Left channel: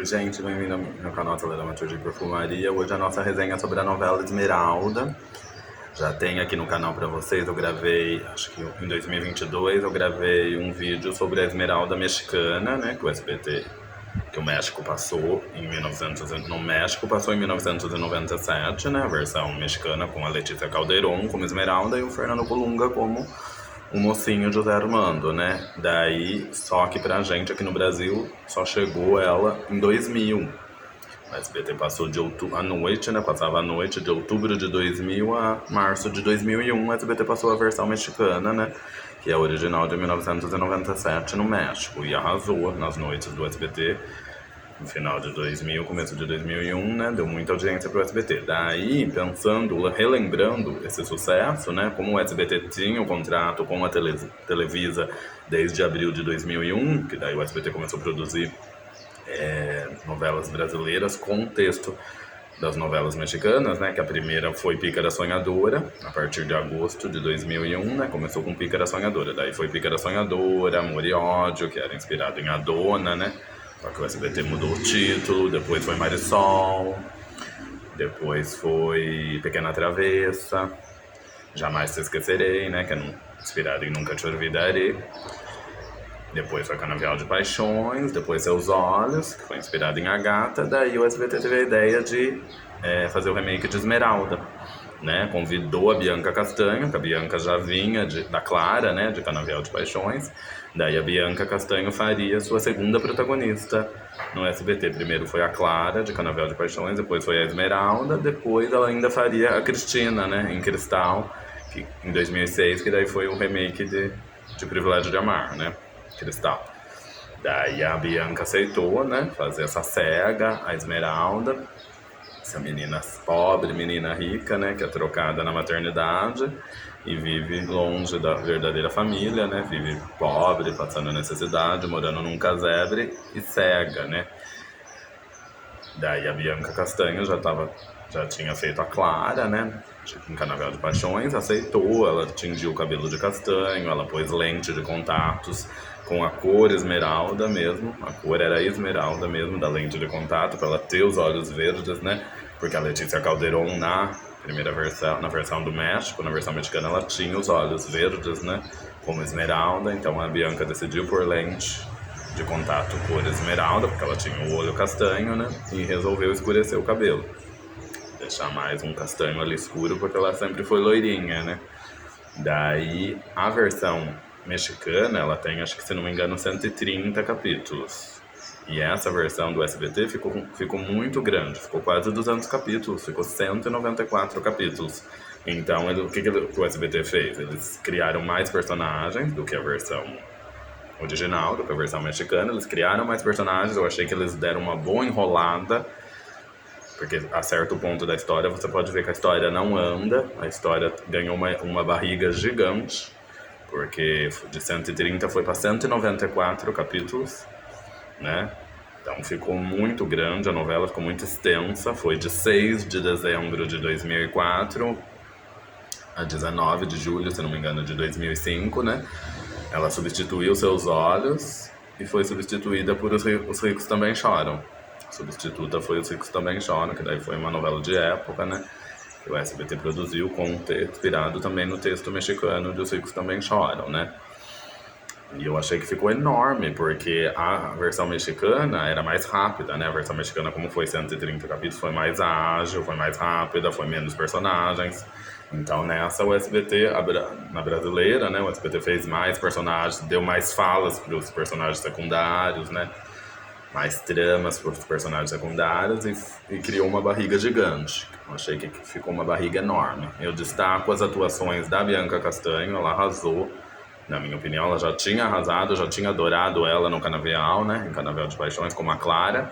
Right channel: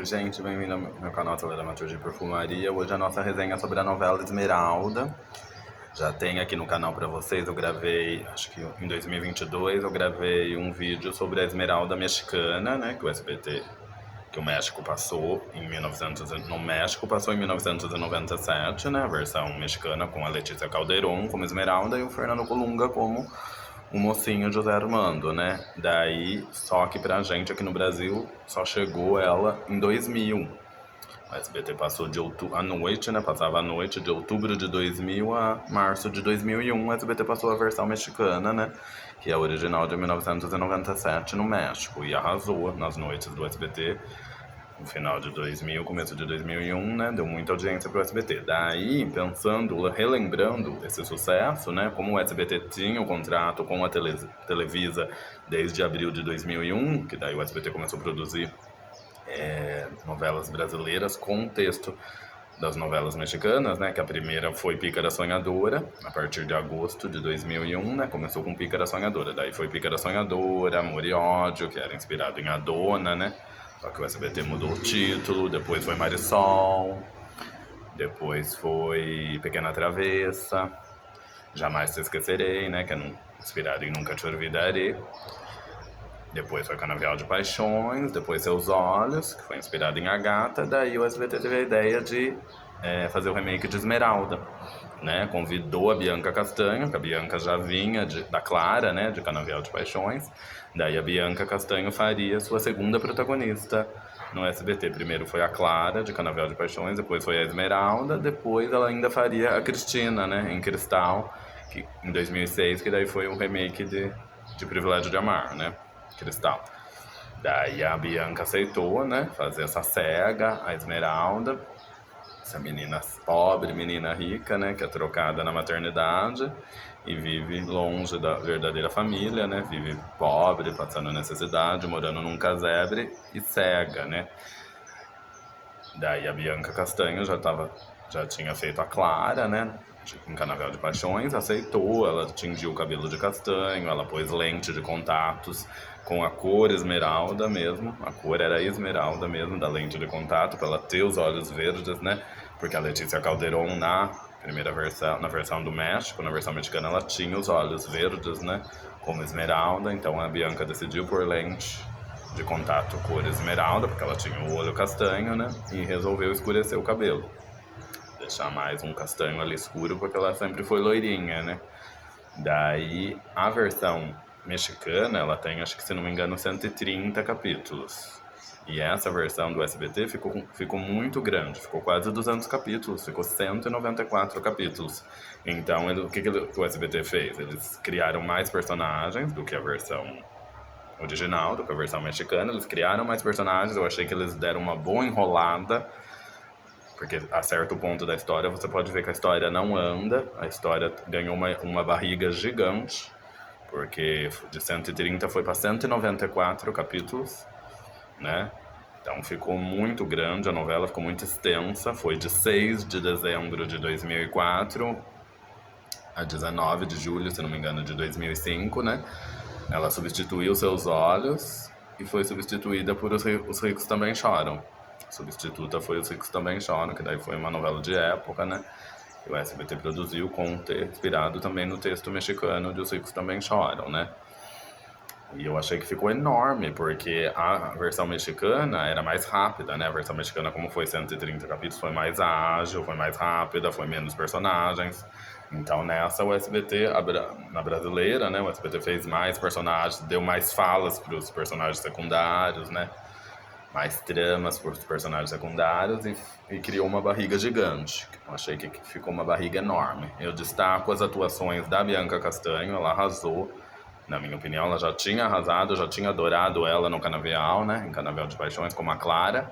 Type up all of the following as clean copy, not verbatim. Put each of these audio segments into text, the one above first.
Oi, gente, bem-vindo ao meu canal Telematur de Perfumaria. Hoje a nossa resenha é sobre a novela Esmeralda. Já tem aqui no canal pra vocês, eu gravei, acho que em 2022, eu gravei um vídeo sobre a Esmeralda mexicana, né, que o SBT, que o México passou em 1900, no México passou em 1997, né, a versão mexicana com a Letícia Calderón como Esmeralda e o Fernando Colunga como o mocinho José Armando, né? Daí, só que pra gente aqui no Brasil, só chegou ela em 2000. O SBT passou de outubro, à noite, né? Passava a noite de outubro de 2000 a março de 2001. O SBT passou a versão mexicana, né? Que é a original de 1997 no México. E arrasou nas noites do SBT. No final de 2000, começo de 2001, né, deu muita audiência pro SBT. Daí, pensando, relembrando esse sucesso, né, como o SBT tinha o contrato com a Televisa desde abril de 2001, que daí o SBT começou a produzir novelas brasileiras com o texto das novelas mexicanas, né, que a primeira foi Pícara Sonhadora, a partir de agosto de 2001, né, começou com Pícara Sonhadora, daí foi Pícara Sonhadora, Amor e Ódio, que era inspirado em A Dona, né, só que o SBT mudou o título, depois foi Marisol, depois foi Pequena Travessa, Jamais Te Esquecerei, né, que é inspirado em Nunca Te Olvidarei. Depois foi Canavial de Paixões, depois Seus Olhos, que foi inspirado em A Gata. Daí o SBT teve a ideia de fazer o remake de Esmeralda, né? Convidou a Bianca Castanho, que a Bianca já vinha da Clara, né? De Canavial de Paixões. Daí a Bianca Castanho faria sua segunda protagonista no SBT. Primeiro foi a Clara, de Canavial de Paixões, depois foi a Esmeralda, depois ela ainda faria a Cristina, né? Em Cristal, que, em 2006, que daí foi o remake de Privilégio de Amar, né? Cristal. Daí a Bianca aceitou, né, fazer essa cega, a Esmeralda, essa menina pobre, menina rica, né, que é trocada na maternidade e vive longe da verdadeira família, né, vive pobre, passando necessidade, morando num casebre e cega, né. Daí a Bianca Castanho já tinha feito a Clara, né, em Canavial de Paixões, aceitou, ela tingiu o cabelo de castanho, ela pôs lente de contatos com a cor esmeralda mesmo, a cor era esmeralda mesmo, da lente de contato, para ela ter os olhos verdes, né, porque a Letícia Calderón na primeira versão, na versão do México, na versão mexicana, ela tinha os olhos verdes, né, como esmeralda, então a Bianca decidiu por lente de contato cor esmeralda, porque ela tinha o olho castanho, né, e resolveu escurecer o cabelo. Deixar mais um castanho ali escuro, porque ela sempre foi loirinha, né. Daí, a versão mexicana, ela tem, acho que se não me engano, 130 capítulos. E essa versão do SBT ficou muito grande, ficou quase 200 capítulos, ficou 194 capítulos. Então, o que o SBT fez? Eles criaram mais personagens do que a versão original, do que a versão mexicana. Eles criaram mais personagens, eu achei que eles deram uma boa enrolada, porque a certo ponto da história você pode ver que a história não anda, a história ganhou uma barriga gigante, porque de 130 foi para 194 capítulos, né? Então ficou muito grande, a novela ficou muito extensa, foi de 6 de dezembro de 2004 a 19 de julho, se não me engano, de 2005, né? Ela substituiu Seus Olhos e foi substituída por Os Ricos Também Choram. A substituta foi Os Ricos Também Choram, que daí foi uma novela de época, né? Que o SBT produziu, inspirado também no texto mexicano de Os Ricos Também Choram, né? E eu achei que ficou enorme, porque a versão mexicana era mais rápida, né? A versão mexicana, como foi 130 capítulos, foi mais ágil, foi mais rápida, foi menos personagens. Então nessa o SBT, na brasileira, né? O SBT fez mais personagens, deu mais falas para os personagens secundários, né? Mais tramas para os personagens secundários e criou uma barriga gigante. Eu achei que ficou uma barriga enorme. Eu destaco as atuações da Bianca Castanho, ela arrasou. Na minha opinião, ela já tinha arrasado, eu já tinha adorado ela no Canavial, né? Em Canavial de Paixões, como a Clara.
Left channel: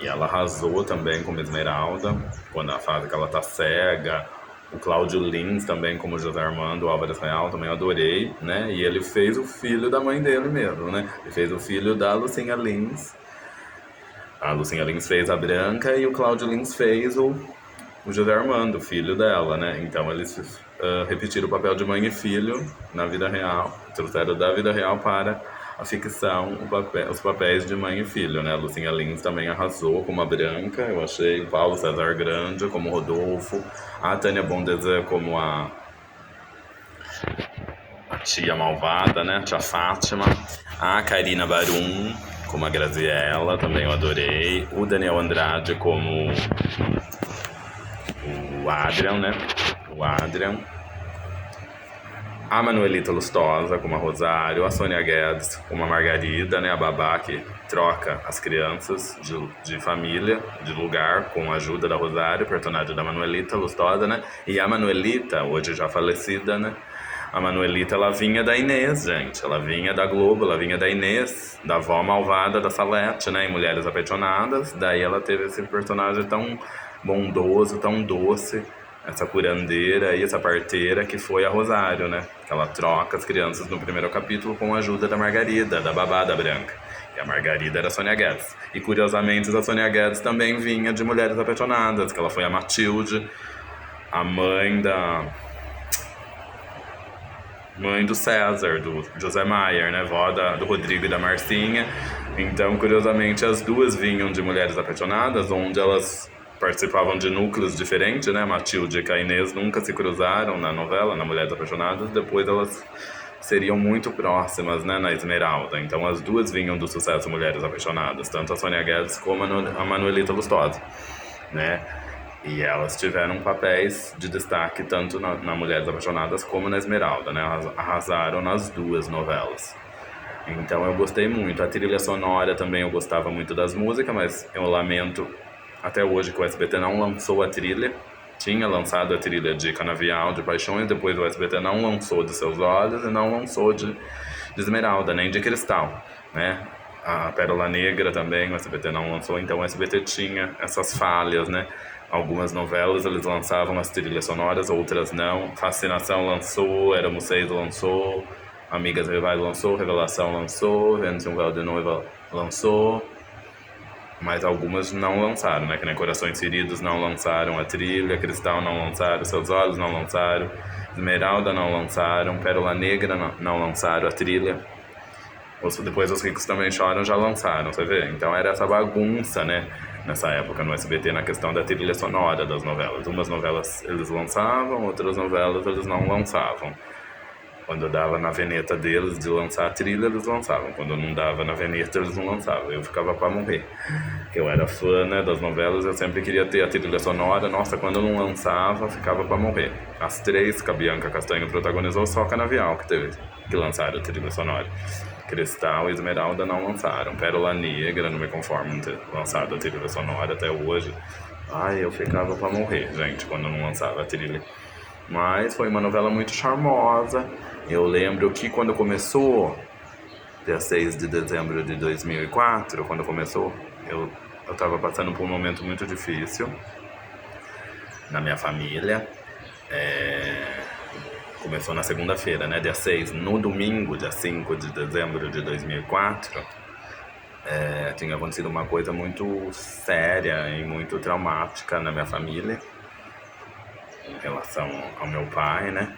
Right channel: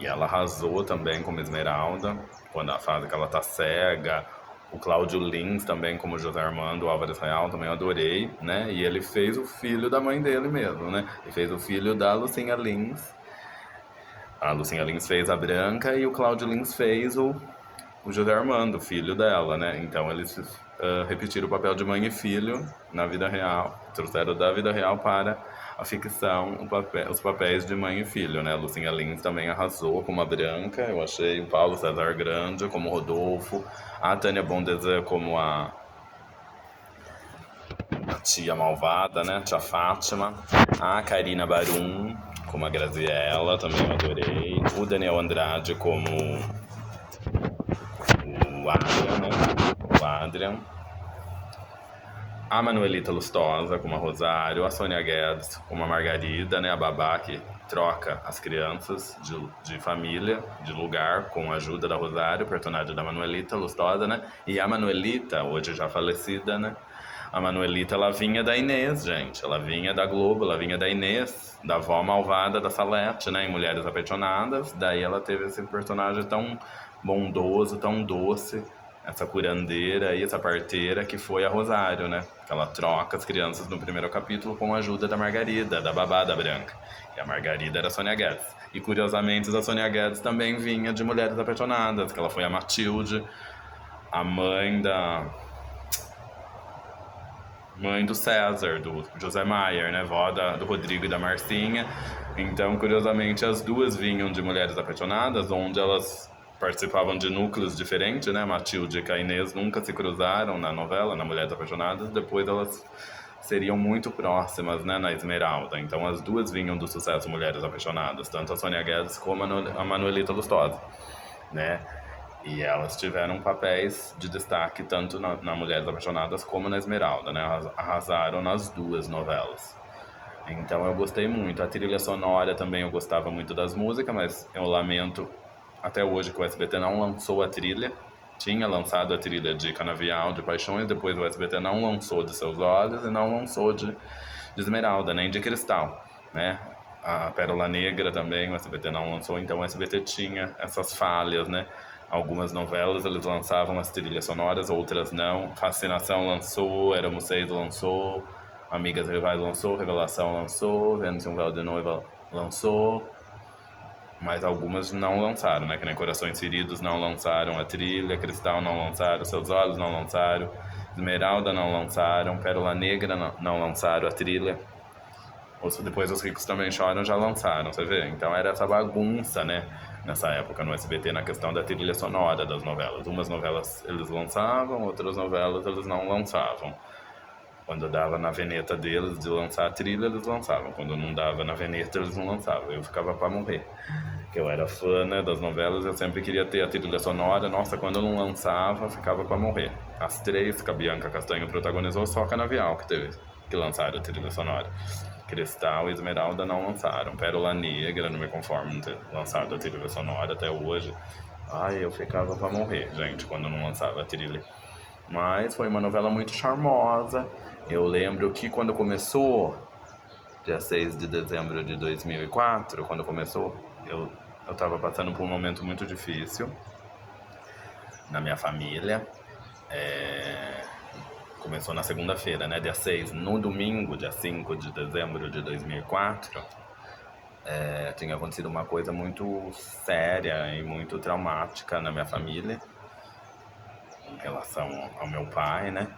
E ela arrasou também como Esmeralda, quando a fase que ela tá cega. O Cláudio Lins também, como José Armando Álvares Real, também adorei, né? E ele fez o filho da mãe dele mesmo, né? Ele fez o filho da Lucinha Lins. A Lucinha Lins fez a Branca e o Cláudio Lins fez o José Armando, filho dela, né? Então eles repetiram o papel de mãe e filho na vida real, trouxeram da vida real para a ficção, os papéis de mãe e filho, né? A Lucinha Lins também arrasou como a Branca, eu achei. O Paulo César Grande como Rodolfo, a Tânia Bondezan como a tia malvada, né? Tia Fátima, a Karina Barum como a Graziella, também eu adorei. O Daniel Andrade como o Adrian, né? O Adrian. A Manuelita Lustosa como a Rosário, a Sônia Guedes como a Margarida, né? A babá que troca as crianças de família, de lugar, com a ajuda da Rosário, personagem da Manuelita Lustosa, né? E a Manuelita, hoje já falecida, né? A Manuelita, ela vinha da Inês, gente. Ela vinha da Globo, ela vinha da Inês, da avó malvada da Salete, né? Em Mulheres Apaixonadas. Daí ela teve esse personagem tão bondoso, tão doce, essa curandeira e essa parteira que foi a Rosário, né? Ela troca as crianças no primeiro capítulo com a ajuda da Margarida, da babá da Branca. E a Margarida era a Sônia Guedes. E curiosamente a Sônia Guedes também vinha de Mulheres Apaixonadas, que ela foi a Matilde, a mãe do César, do José Maier, né? Vó do Rodrigo e da Marcinha. Então, curiosamente, as duas vinham de Mulheres Apaixonadas, onde elas participavam de núcleos diferentes, né? Matilde e a Inês nunca se cruzaram na novela, na Mulheres Apaixonadas. Depois elas seriam muito próximas, né? Na Esmeralda. Então, as duas vinham do sucesso Mulheres Apaixonadas, tanto a Sônia Guedes como a Manuelita Lustosa, né? E elas tiveram papéis de destaque tanto na Mulheres Apaixonadas como na Esmeralda, né? Elas arrasaram nas duas novelas. Então eu gostei muito. A trilha sonora também eu gostava muito das músicas, mas eu lamento até hoje que o SBT não lançou a trilha. Tinha lançado a trilha de Canavial, de Paixões, depois o SBT não lançou de Seus Olhos e não lançou de Esmeralda, nem de Cristal, né? A Pérola Negra também o SBT não lançou, então o SBT tinha essas falhas, né? Algumas novelas eles lançavam as trilhas sonoras, outras não. Fascinação lançou, Éramos Seis lançou, Amigas Rivais lançou, Revelação lançou, Vênus e um Véu de Noiva lançou. Mas algumas não lançaram, né? Que nem Corações Feridos não lançaram a trilha, Cristal não lançaram, Seus Olhos não lançaram, Esmeralda não lançaram, Pérola Negra não lançaram a trilha. Depois Os Ricos Também Choram já lançaram, você vê? Então era essa bagunça, né? Nessa época no SBT, na questão da trilha sonora das novelas. Umas novelas eles lançavam, outras novelas eles não lançavam. Quando dava na veneta deles de lançar a trilha, eles lançavam. Quando não dava na veneta, eles não lançavam. Eu ficava pra morrer. Eu era fã, né, das novelas, eu sempre queria ter a trilha sonora. Nossa, quando não lançava, ficava pra morrer. As três que a Bianca Castanho protagonizou, só a Canavial que lançaram a trilha sonora. Cristal e Esmeralda não lançaram. Pérola Negra, não me conformo em ter lançado a trilha sonora até hoje. Ai, eu ficava pra morrer, gente, quando não lançava a trilha. Mas foi uma novela muito charmosa. Eu lembro que quando começou, dia 6 de dezembro de 2004, quando começou, eu tava passando por um momento muito difícil na minha família. Começou na segunda-feira, né, dia 6. No domingo, dia 5 de dezembro de 2004, tinha acontecido uma coisa muito séria e muito traumática na minha família em relação ao meu pai, né?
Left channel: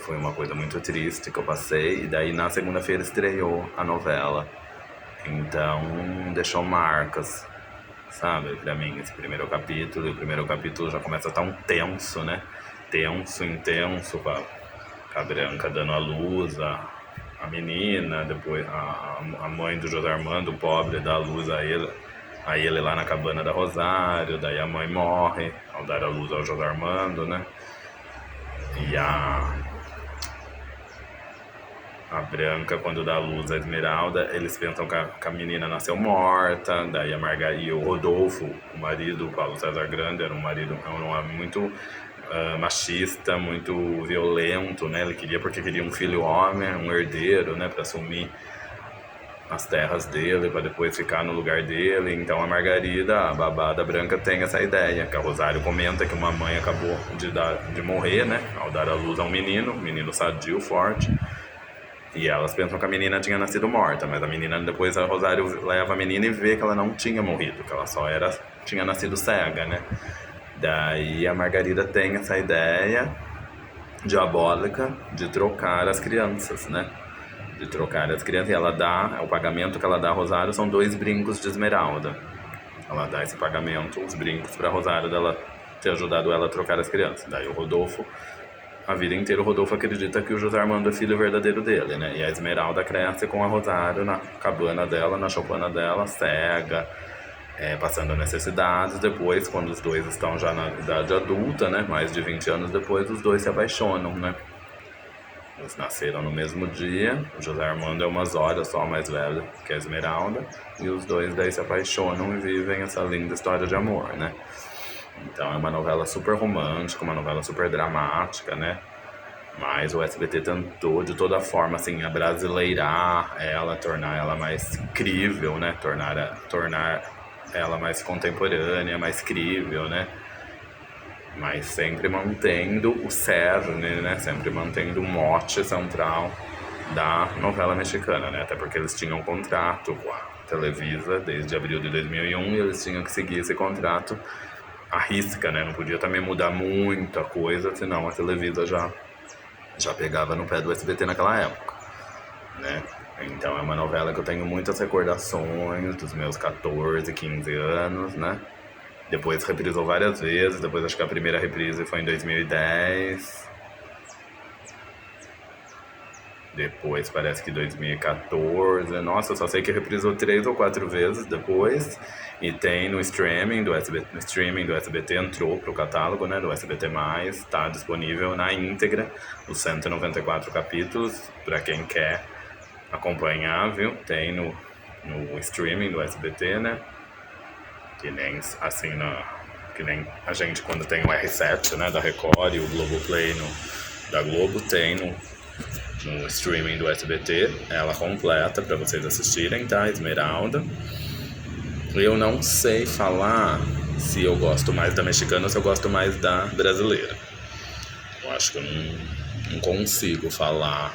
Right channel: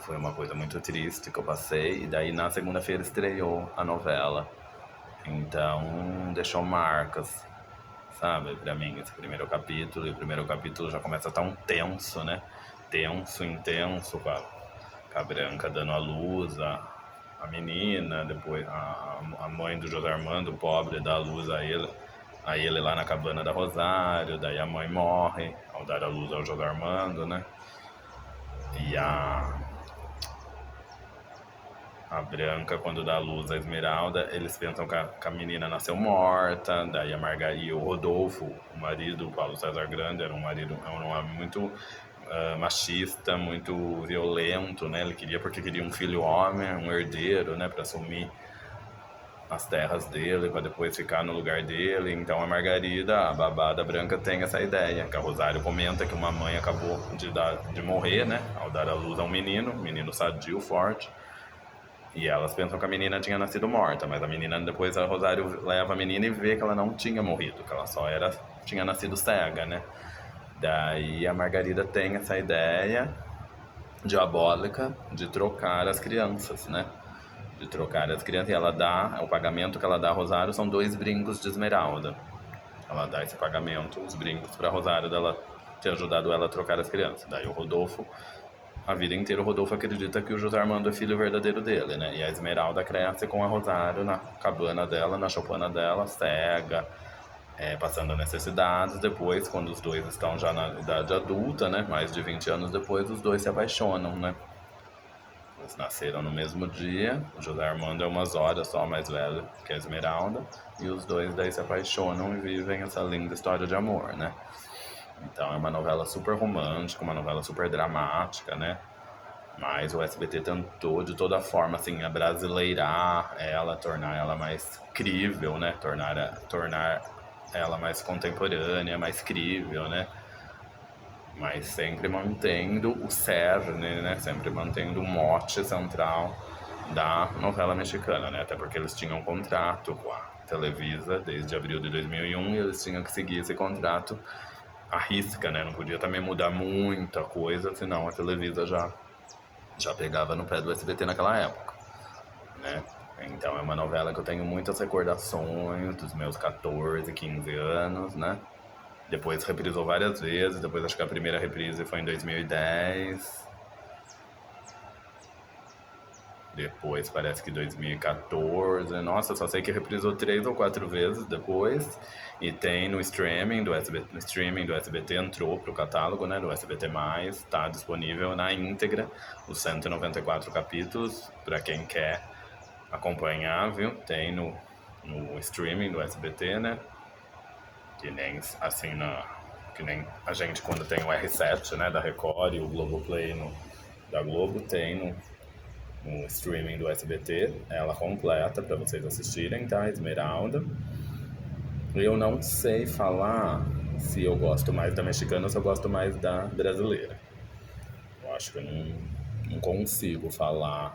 Foi uma coisa muito triste que eu passei. E daí na segunda-feira estreou a novela. Então deixou marcas, sabe, pra mim, esse primeiro capítulo. E o primeiro capítulo já começa tão tenso, né? Tenso, intenso, com a Branca dando a luz, a menina, depois a mãe do José Armando, o pobre, dá a luz a ele lá na cabana da Rosário. Daí a mãe morre ao dar a luz ao José Armando, né? E a Branca, quando dá a luz à Esmeralda, eles pensam que a menina nasceu morta. Daí a Margarida, o Rodolfo, o marido, o Paulo César Grande, era um homem muito machista, muito violento, né? Porque queria um filho homem, um herdeiro, né? Para assumir as terras dele, para depois ficar no lugar dele. Então a Margarida, a babá da Branca, tem essa ideia, que a Rosário comenta que uma mãe acabou de morrer, né, ao dar à luz a um menino sadio, forte, e elas pensam que a menina tinha nascido morta, mas a menina, depois a Rosário leva a menina e vê que ela não tinha morrido, que ela só tinha nascido cega, né. Daí a Margarida tem essa ideia diabólica de trocar as crianças, né, de trocar as crianças. E ela dá, o pagamento que ela dá a Rosário são 2 brincos de esmeralda. Ela dá esse pagamento, os brincos pra Rosário dela ter ajudado ela a trocar as crianças. Daí o Rodolfo, a vida inteira o Rodolfo acredita que o José Armando é filho verdadeiro dele, né? E a Esmeralda cresce com a Rosário na cabana dela, na choupana dela, cega, passando necessidades. Depois, quando os dois estão já na idade adulta, né? Mais de 20 anos depois, os dois se apaixonam, né? Eles nasceram no mesmo dia. O José Armando é umas horas só mais velho que a Esmeralda. E os dois daí se apaixonam e vivem essa linda história de amor, né? Então é uma novela super romântica, uma novela super dramática, né? Mas o SBT tentou de toda forma, assim, abrasileirar ela, tornar ela mais crível, né? Tornar ela mais contemporânea, mais crível, né? Mas sempre mantendo o cerne, né? Sempre mantendo o mote central da novela mexicana, né? Até porque eles tinham um contrato com a Televisa desde abril de 2001 e eles tinham que seguir esse contrato à risca, né? Não podia também mudar muita coisa, senão a Televisa já pegava no pé do SBT naquela época, né? Então é uma novela que eu tenho muitas recordações dos meus 14, 15 anos, né? Depois reprisou várias vezes, depois acho que a primeira reprise foi em 2010. Depois parece que 2014. Nossa, eu só sei que reprisou 3 ou 4 vezes depois. E tem no streaming do SBT, entrou pro catálogo, né, do SBT+, tá disponível na íntegra, os 194 capítulos, pra quem quer acompanhar, viu? Tem no streaming do SBT, né? Que nem assim que nem a gente quando tem o R7, né, da Record e o Globoplay da Globo, tem no streaming do SBT, ela completa pra vocês assistirem, tá? Esmeralda. Eu não sei falar se eu gosto mais da mexicana ou se eu gosto mais da brasileira. Eu acho que eu não consigo falar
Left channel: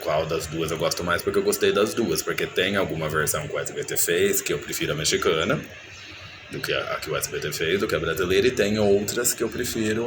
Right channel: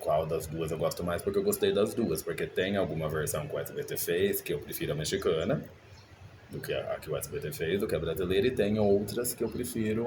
qual das duas eu gosto mais, porque eu gostei das duas. Porque tem alguma versão que o SBT fez que eu prefiro a mexicana do que a que o SBT fez, do que a brasileira, e tem outras que eu prefiro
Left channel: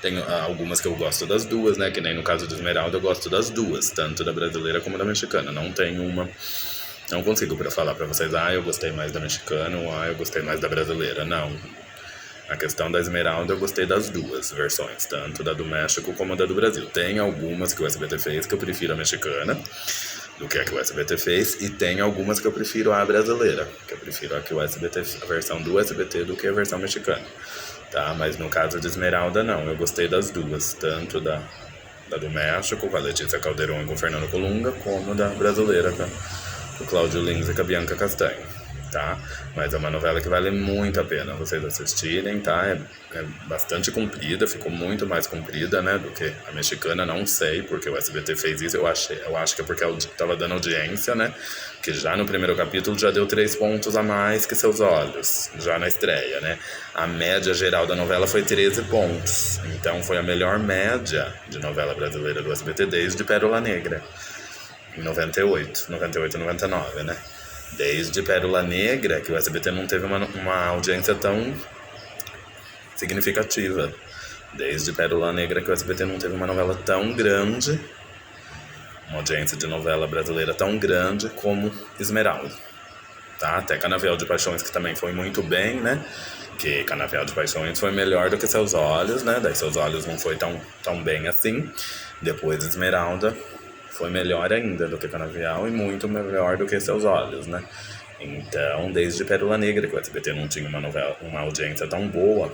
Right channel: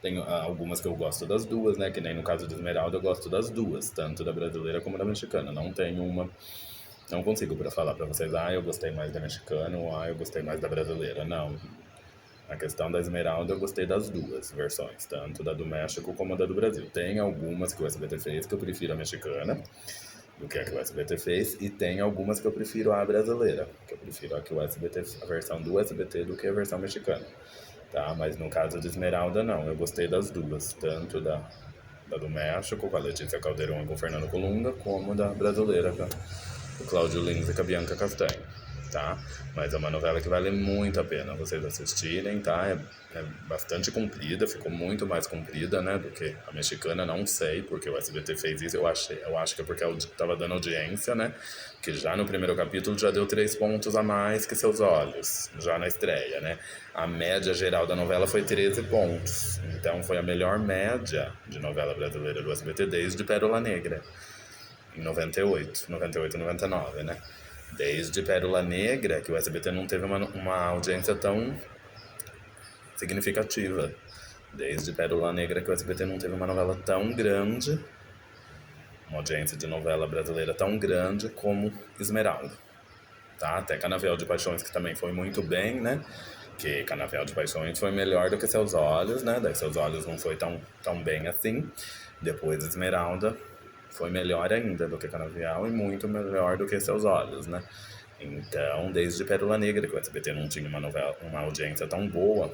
tem algumas que eu gosto das duas, né? Que nem no caso do Esmeralda eu gosto das duas, tanto da brasileira como da mexicana. Não tem uma... Não consigo falar pra vocês, eu gostei mais da mexicana ou eu gostei mais da brasileira. Não. A questão da Esmeralda eu gostei das duas versões, tanto da do México como da do Brasil. Tem algumas que o SBT fez que eu prefiro a mexicana do que a que o SBT fez, e tem algumas que eu prefiro a brasileira, que eu prefiro a versão do SBT do que a versão mexicana. Tá? Mas no caso de Esmeralda, não. Eu gostei das duas, tanto da do México, com a Letícia Calderon e com o Fernando Colunga, como da brasileira, com o Cláudio Lins e com a Bianca Castanho, tá? Mas é uma novela que vale muito a pena vocês assistirem, tá? É bastante comprida, ficou muito mais comprida, né, do que a mexicana, não sei porque o SBT fez isso, eu acho que é porque tava dando audiência, né, que já no primeiro capítulo já deu 3 pontos a mais que Seus Olhos, já na estreia, né? A média geral da novela foi 13 pontos, então foi a melhor média de novela brasileira do SBT desde Pérola Negra, em 98, 99, né? Desde Pérola Negra, que o SBT não teve uma audiência tão significativa. Desde Pérola Negra que o SBT não teve uma novela tão grande, uma audiência de novela brasileira tão grande como Esmeralda. Tá? Até Canavial de Paixões, que também foi muito bem, né? Que Canavial de Paixões foi melhor do que Seus Olhos, né? Daí Seus Olhos não foi tão bem assim. Depois Esmeralda foi melhor ainda do que Canavial e muito melhor do que Seus Olhos, né? Então, desde Pérola Negra, que o SBT não tinha uma audiência tão boa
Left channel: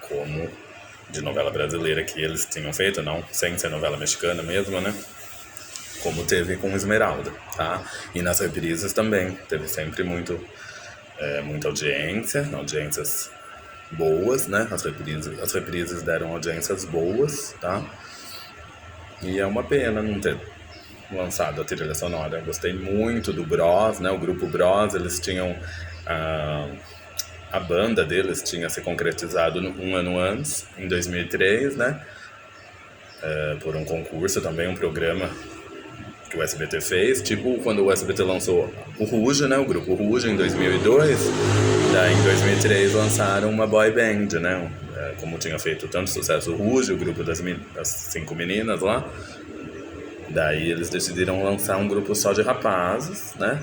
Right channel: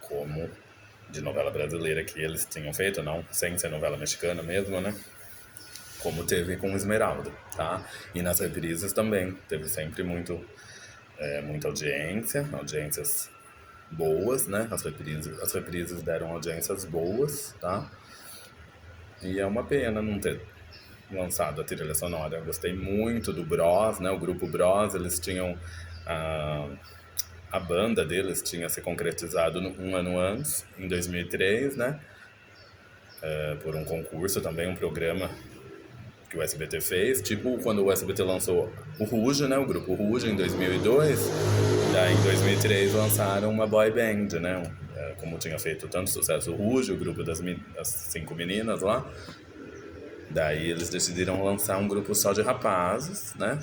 como de novela brasileira que eles tinham feito, não sem ser novela mexicana mesmo, né? Como teve com Esmeralda, tá? E nas reprises também, teve sempre muita audiências boas, né? As reprises deram audiências boas, tá? E é uma pena não ter lançado a trilha sonora. Eu gostei muito do Bros, né? O grupo Bros, eles tinham... A banda deles tinha se concretizado um ano antes, em 2003, né? Por um concurso também, um programa que o SBT fez. Tipo quando o SBT lançou o Ruge, né? O grupo Ruge, em 2002. Daí, em 2003, lançaram uma boy band, né? Como tinha feito tanto sucesso o Ruge, o grupo das 5 meninas lá. Daí eles decidiram lançar um grupo só de rapazes, né?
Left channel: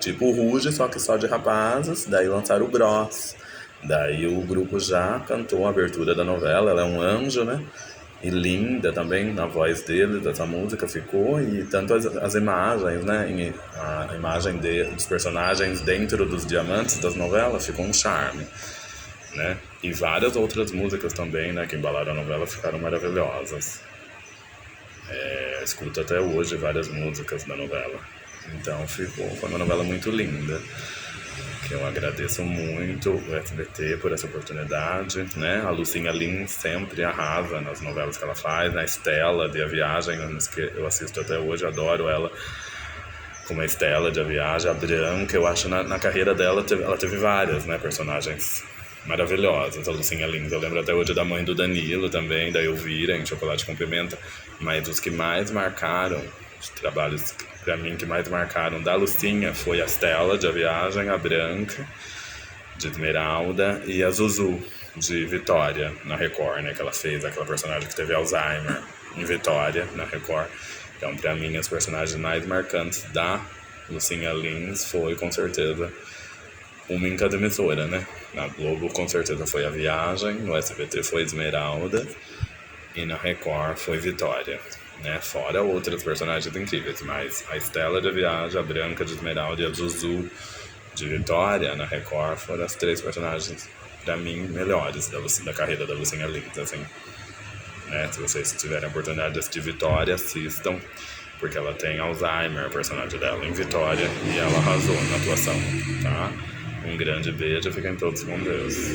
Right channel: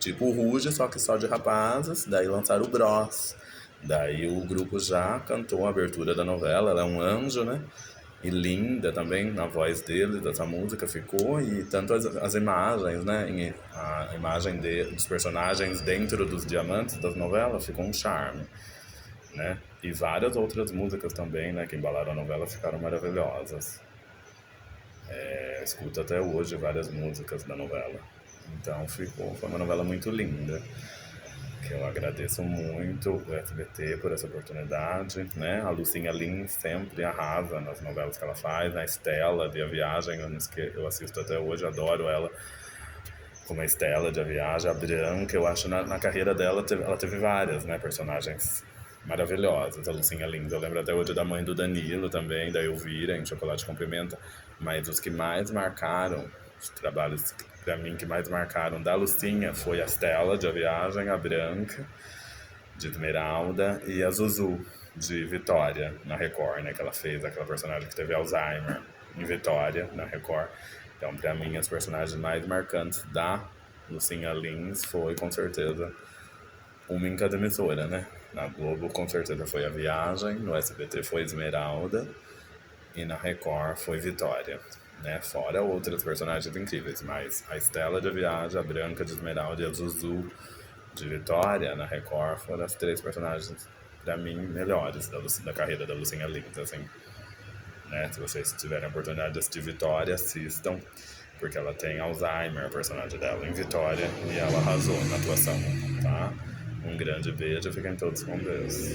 Tipo o Ruge, só que só de rapazes. Daí lançaram o Bros. Daí o grupo já cantou a abertura da novela. Ela é um anjo, né? E linda também na voz dele, dessa música ficou. E tanto as imagens, né? A imagem dos personagens dentro dos diamantes das novelas ficou um charme, né? E várias outras músicas também, né? Que embalaram a novela ficaram maravilhosas. Escuto até hoje várias músicas da novela. Então foi uma novela muito linda, que eu agradeço muito o SBT por essa oportunidade, né? A Lucinha Lins sempre arrasa nas novelas que ela faz, na Estela de A Viagem, eu assisto até hoje, adoro ela como a Estela de A Viagem. A Branca, eu acho na carreira dela ela teve várias, né, personagens maravilhosas, a Lucinha Lins. Eu lembro até hoje da mãe do Danilo também, da Elvira em Chocolate com Pimenta, mas os que mais marcaram, os trabalhos pra mim que mais marcaram da Lucinha foi a Estela de A Viagem, a Branca de Esmeralda e a Zuzu de Vitória na Record, né, que ela fez aquela personagem que teve Alzheimer em Vitória na Record. Então, pra mim, as personagens mais marcantes da Lucinha Lins foi com certeza uma em cada emissora, né? Na Globo com certeza foi A Viagem, no SBT foi Esmeralda e na Record foi Vitória, né? Fora outras personagens incríveis, mas a Estela de A Viagem, a Branca de Esmeralda e a Zuzu de Vitória na Record foram as três personagens, pra mim, melhores da carreira da Lucinha Lins, assim, né? Se vocês tiverem a oportunidade de assistir Vitória, assistam, porque ela tem Alzheimer, a personagem dela, em Vitória, e ela arrasou na atuação, tá? Um grande beijo, fiquem todos com Deus.